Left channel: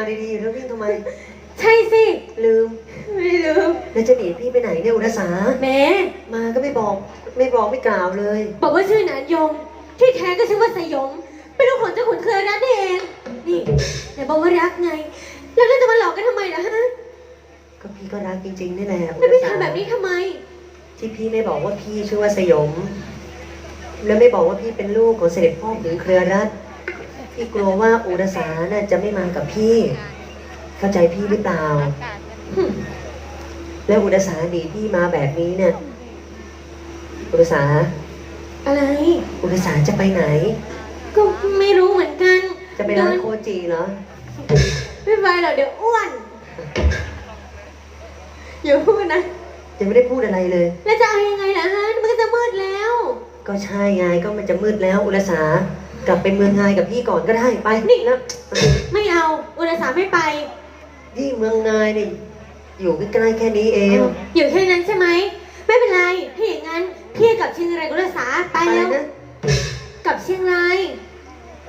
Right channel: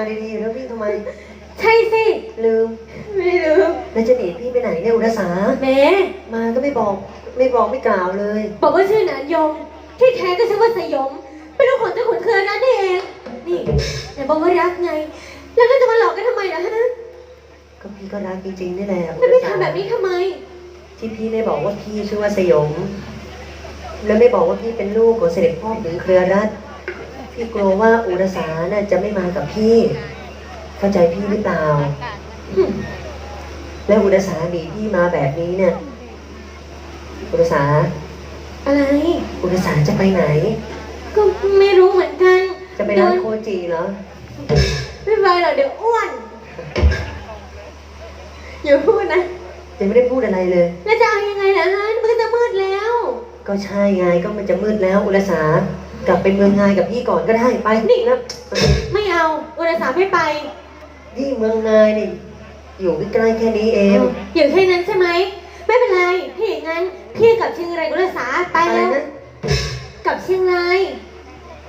มาดีๆแล้ววิ่งทำไม ใช่สิ ลืม ไม่ลืมแล้วจะหนีพี่ไปไหนเนี่ยอุรสาแหมมาก็ไม่บอกไม่บอกไม่กล่าวเลย บอกว่าชื่อหนานยม ที่แท้ก็ชื่อว่าสยมเป็นลูกของเจ้าขุนเคืองนั่นเอง นี่แต่บอกว่ารักไง แล้วก็จะมาหลอกกันทำไมล่ะฮะก็พี่ก็รักจริงๆนี่แหละอุแล้วรไม่สาทำแบบนี้ทำไม ที่พี่ไม่บอกว่าพี่ชื่อว่าสยม แล้วไม่บอกว่าพี่เป็นลูกของเสด็จพ่อหรือเครือรัตน์ พี่กลัวว่าอุรสาน่ะจะไม่มากับพี่ เข้าใจพี่หรือเปล่า แล้วอุรสาหนีพี่มาแบบนี้เนี่ย อุรสา อะไรอุรสาจะไปไหน ก็ไม่รู้เหมือนกันจะไปร้านโคจีเหรอ ไม่ไปหรอกเดี๋ยวอ้วนอย่าพูดนะยังไม่ได้พูดอะไรเลย แล้วจะเอายังไงล่ะฮะมันก็จะมืดแล้ว ก็ใช่ไงก็มันจะมืดแล้วอุรสา กลับไปเมืองงายกับพี่ก่อนก็ได้ไปนี่นะไม่เอา อุตสาห์ไม่ไปที่เมืองงายนี่อยู่ใกล้ๆแค่นี้เองอยู่แค่นั้นใช่ไหมไม่เป็นไรถ้าอย่างนั้นพี่กลับเชียงรายกับอุตสาห์ไปอะไรแล้วนะกลับเชียงราย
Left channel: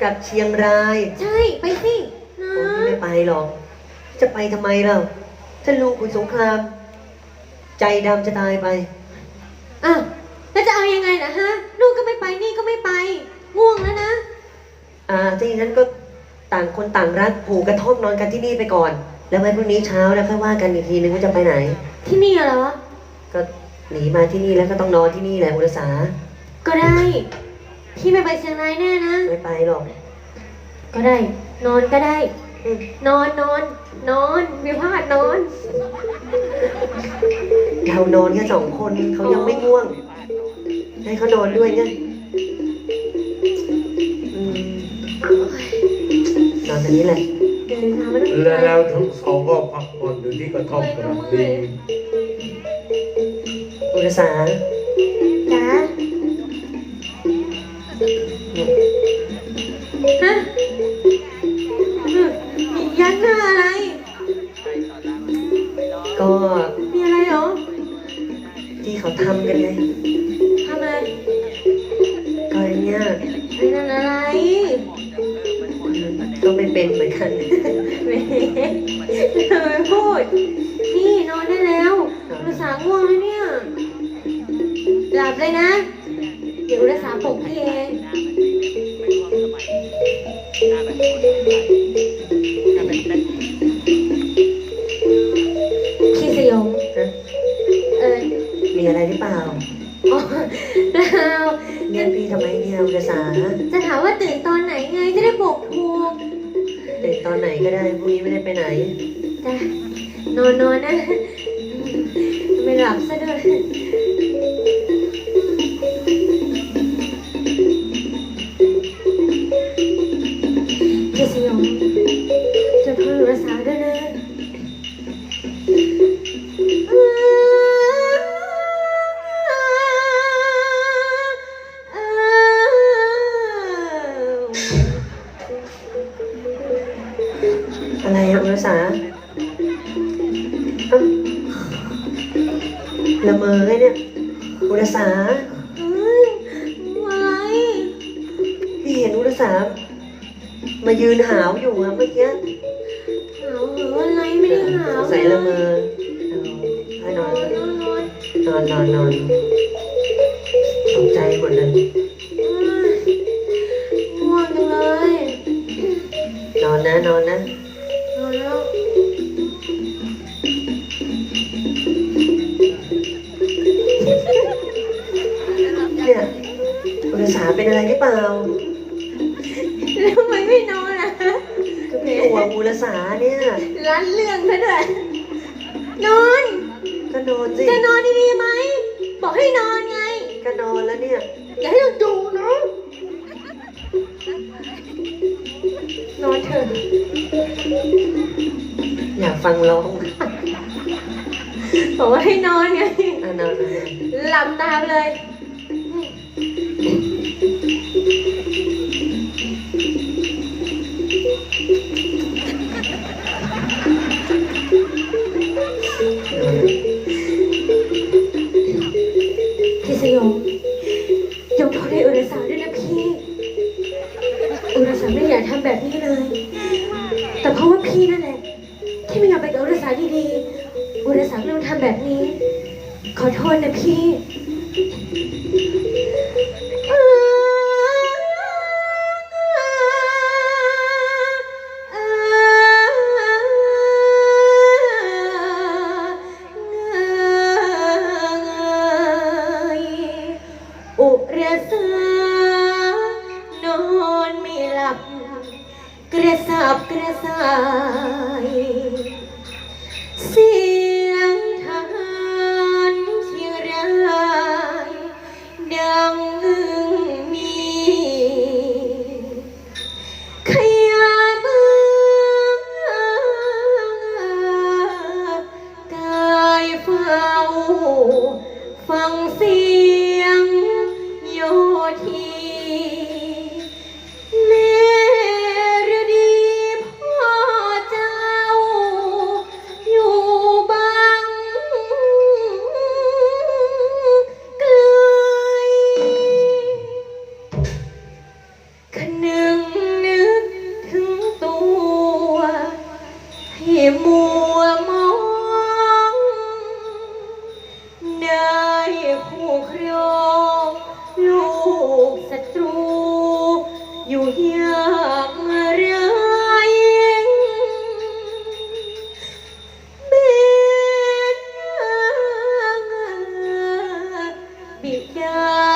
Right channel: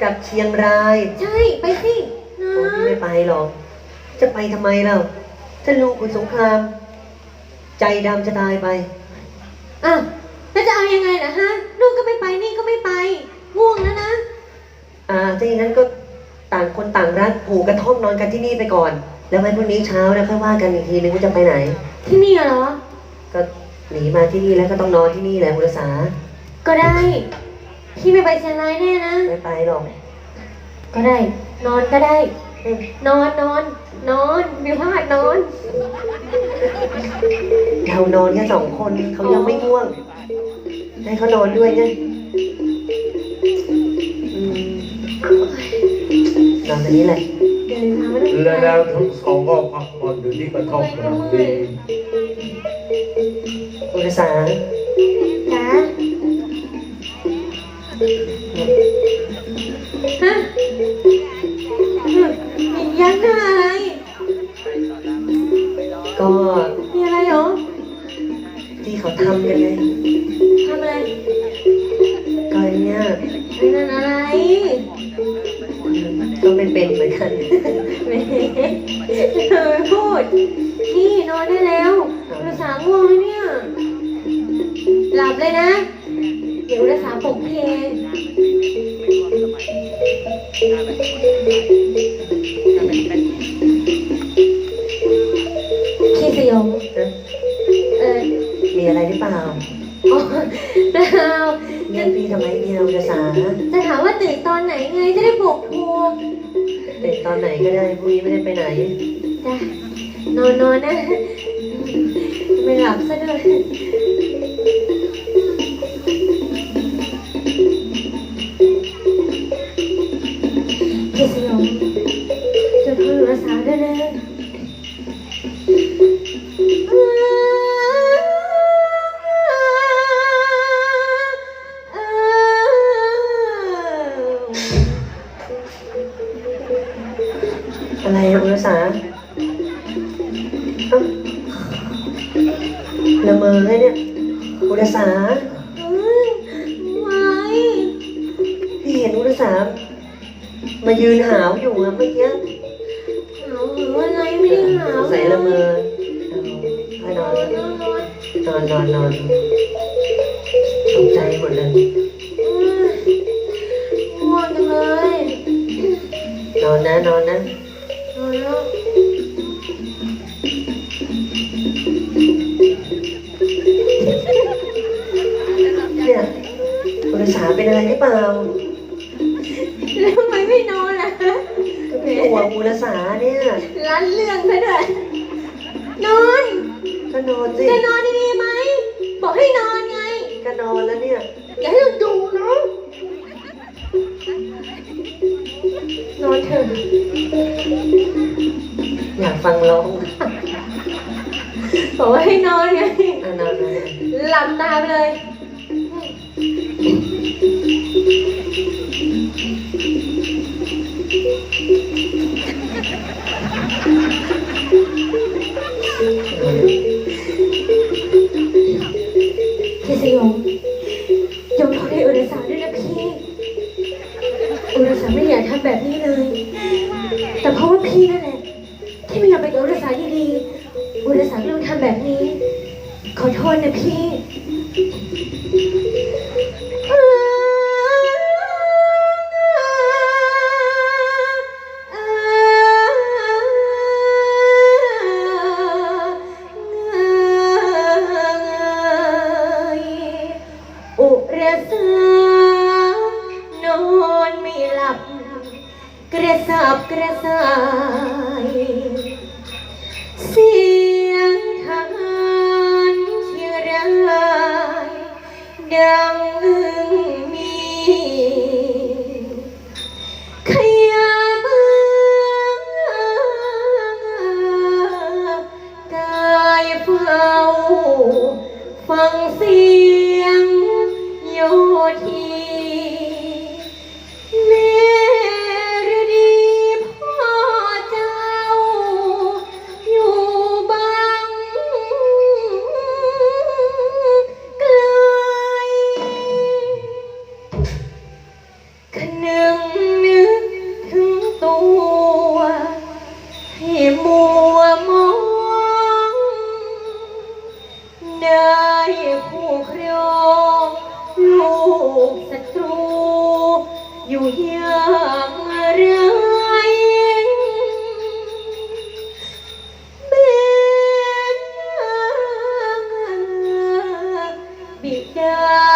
กลับเชียงรายใช่ไปสินะโอ้พี่ไม่ไปหรอกจะไปทำไมเราถ้าลูกคุณสงคราม ใจดำจะตายไปอะแล้วจะเอายังไงล่ะฮะลูกก็ไม่ไปนี่ก็ไม่ไป ง่วงแล้วนะ อ่าถ้าอย่างนั้นก็ต่างคนต่างรักผูกกระท่อมนอนกันที่นี่ไปก่อน แล้วไว้พรุ่งนี้เช้าแล้วค่อยว่ากันอีกทีนึงว่าจะไปไหน ที่นี่เหรอ ก็หนีมาที่นี่แล้วก็ต้องนอนที่นี่แหละคุณรักษาก็ได้ พี่ไม่ไปเชียงรายแน่นะ ไม่ไปหรอกก็ได้ นอนก็ได้อืมนอนนอน นอนไม่พลาดนอน เรานอนแค่สองคนเขายังไม่ง่วงให้เขานอนด้วยเนี่ยอืม นอนตรงนี้แหละเดินมาไม่ต้องแล้วทั้งสองก็พักผ่อนอยู่ที่กระท่อมกำลังดีคุณรักษาจ้าฮะมียันหน้าอะไร ก็มีอะไรเหรอที่เขาทำกันไง บเลยนะ เดี๋ยวภาษาปลุกพี่เองพี่สยมนะเออมีอะไรหรือเปล่าอ๋อแล้วเรียกพี่ทำไมเนี่ยคุณรักษาจะถามว่าตื่นตอนไหนไงจะได้ปลุกภูมตื่นตอนไหนก็ได้พรุ่งนี้ไม่ได้ไปไหนจ้ะนอนนอนนะ ไม่หลับซะด้วย พี่เห็นคุณรักษามายืนหาวอยู่อะเมื่อกี้หาวหรืออะไรไม่ได้หาวใส่ละเมอให้นนออนนนอนนอนนอนนอนนอนตกใจหมดเลยง่วงจังเลยนอนนะนอนนะ ก็น อุรสาไม่อยากทำแบบนี้เลย แต่เพราะว่าพี่นั่นแหละที่ไม่ยอมไปกับอุรสาดีๆอุรสาก็ต้องทำแบบนี้ ขอโทษนะพี่ ดัง บิ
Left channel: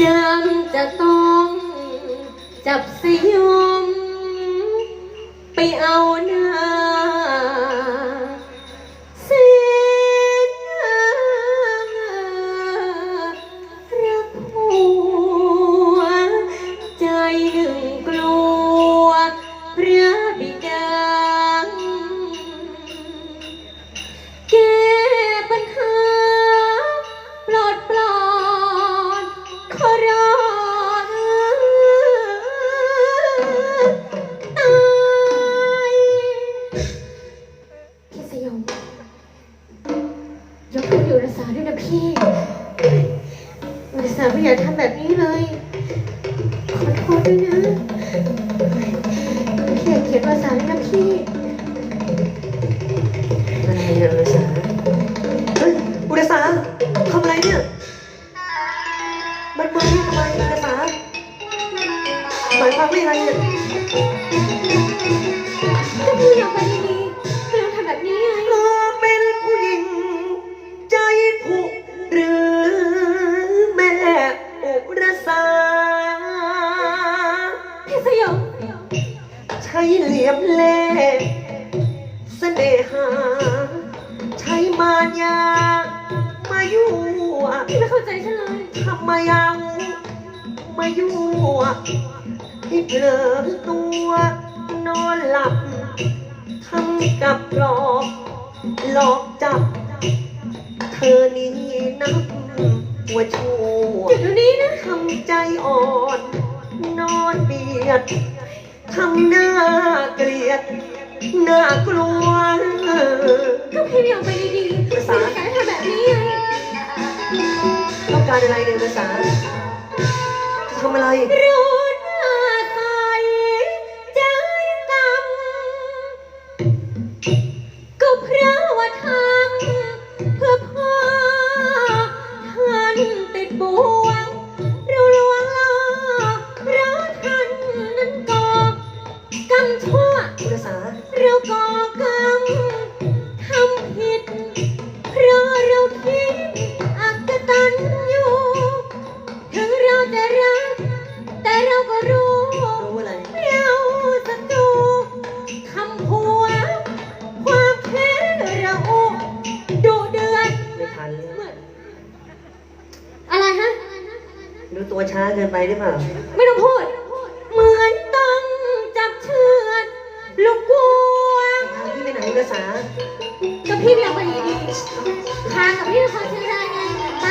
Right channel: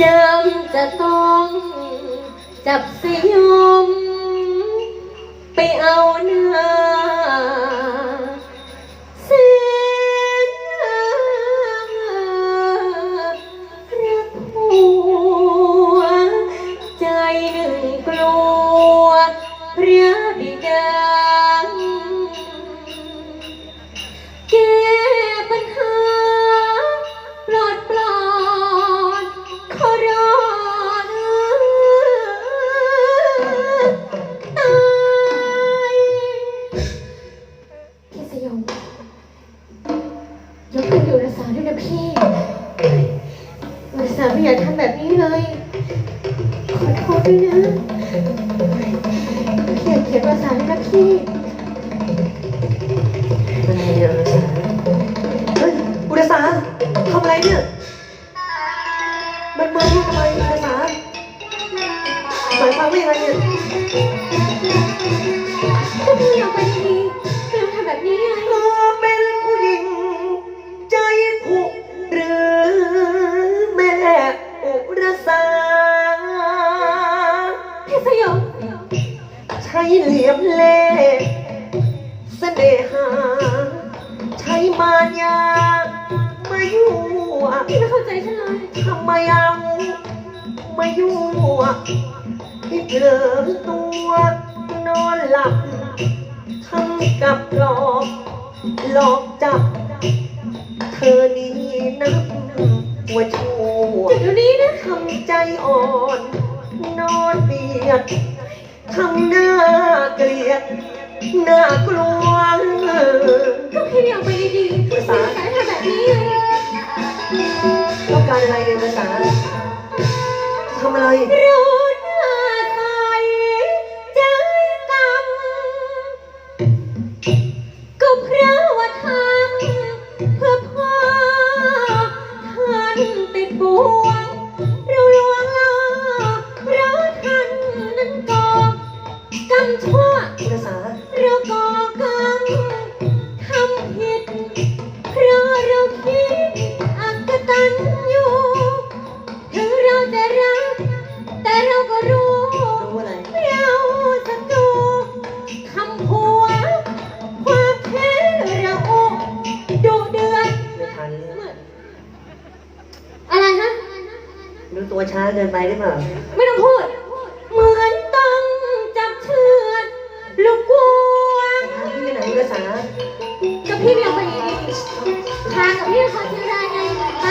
จำจะต้องจับสยมไปเอาหน้า ทำอะไรเนี่ยมันมือทำไมอุรสาหมายความว่ายังไงเนี่ยก็พี่เอาไปดีๆไม่ต้องทำแบบนี้ไงเธอเป็นผู้หญิง ใจผุหรือแม่อุรสา พี่สยองใช้เหลี่ยมเล่ห์เสน่หา ใช้มารยา มายั่วพี่ไม่เข้าใจฉันเลยทำไมเอามายั่วให้เผลอตัวนอนหลับทำกับหลอกหลอกจับ เธอนี้นับหัวชั่วหยุดเดี๋ยวนี้นะทำใจอ่อน นอนเบียดทำหน้าเกลียดน่ากลัว ก็พี่ไม่เอาไปดีๆพี่ไม่ใช้ทำแบบนี้ไงต้อง การอะไรเนี่ยภาษาทำอะไร รู้หน้าใสใจกำก็เพราะว่าทำเพื่อพ่อท่านติดบ่วงเราลวงล่อเพราะท่านนั้นก่อกรรมชั่วภาษา ร ตัวช้าเกินไปหรือเปล่าไม่ต้องพูด เหมือนต้องจับเชือดลูกวัวพาพี่ไปไหนอุรสากับพี่ไม่เอาไปดีทางกับพี่นะคะฉันได้ไงไป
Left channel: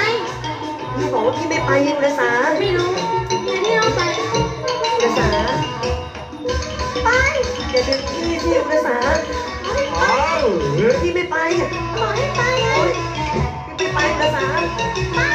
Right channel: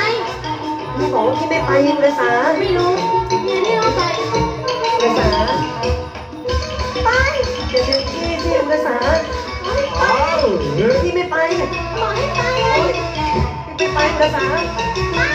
พี่บอกว่าพี่ไม่ไปอุรสาไม่รู้ไม่เอาไปอุรสาไปอย่าดึงพี่สิอุรสาอ้าวเฮ้ยพี่ไม่ไปบอกให้ไปเลยพี่ไม่ไปอุรสาไป